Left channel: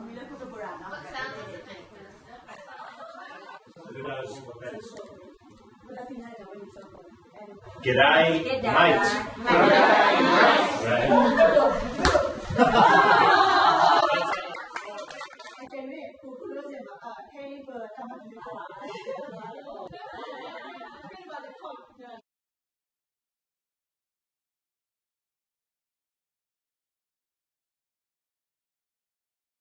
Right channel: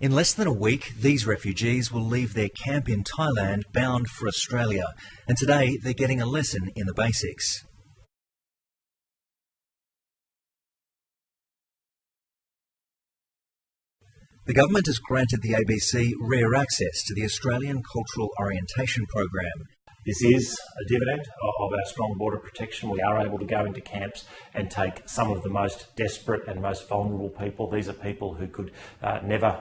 In less than a week, these refugees will leave their camp in Thailand bound for Australia. And today, they're getting a lesson in the basics. G'day, mate. The government has granted the ABC rare access to the Australian Cultural Orientation Program. This is a dividend of our strong border protection. We are able to go into camps and take some of the most desperate and most vulnerable people. These are people who could never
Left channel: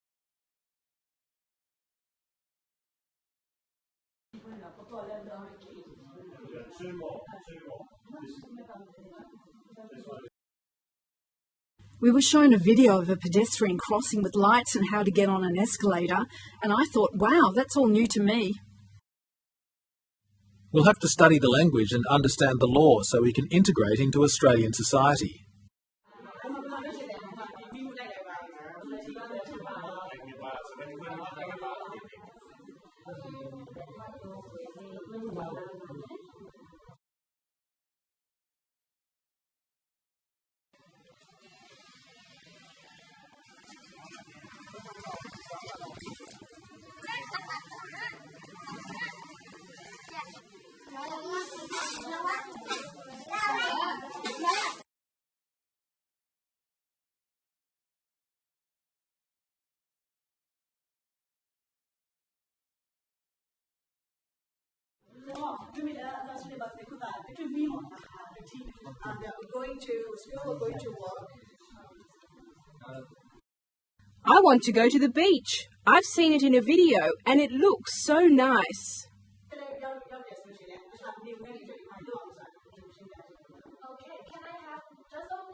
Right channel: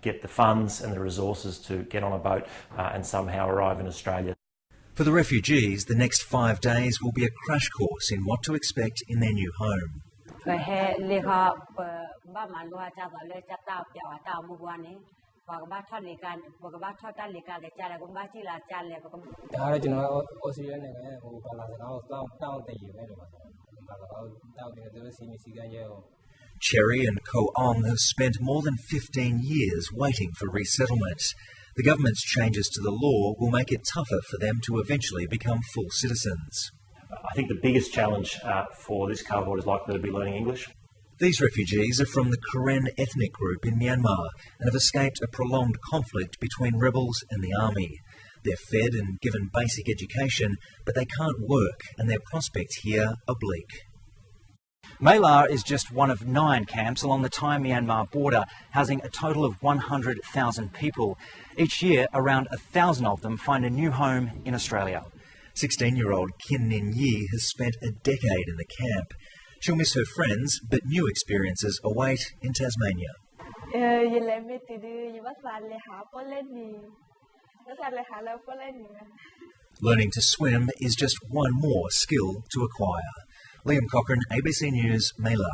get the funds and the resources to get on a boat and somehow arrive in Australia. For the refugees, the next 5 days will be a crash course in what to expect in their new home. We were shown a video of a pedestrian crossing with lights and how to get on an escalator, and I thought, wow, that's all new to me. We'll have to study the language and understand the law so we can integrate into Australian society. Cherry and Ko Ong have spent more than 15 years waiting for resettlement. The government's changes to the law will make it tougher for them to eventually become full citizens. I think the biggest challenge for this cohort is likely to be learning English. These refugees are from the Karen ethnic group in Myanmar and have escaped a prolonged conflict between rebels and the army. They're fed and given basic education, but they can't work and their prospects here are bleak. My La is just one of 9 camps along the Thai-Myanmar border, housing a total of 100,000 people. Each year, around 1,000 of them find a new home in Australia. 16-year-old Kin Nin Yi has spent a decade in the camp. She'll miss her friends, but new experiences await in Tasmania. I want to go to the beach. I've seen it in a video and it looks so nice. Learning to swim is just one more skill to acquire. Liam Cochrane, ABC News, My La.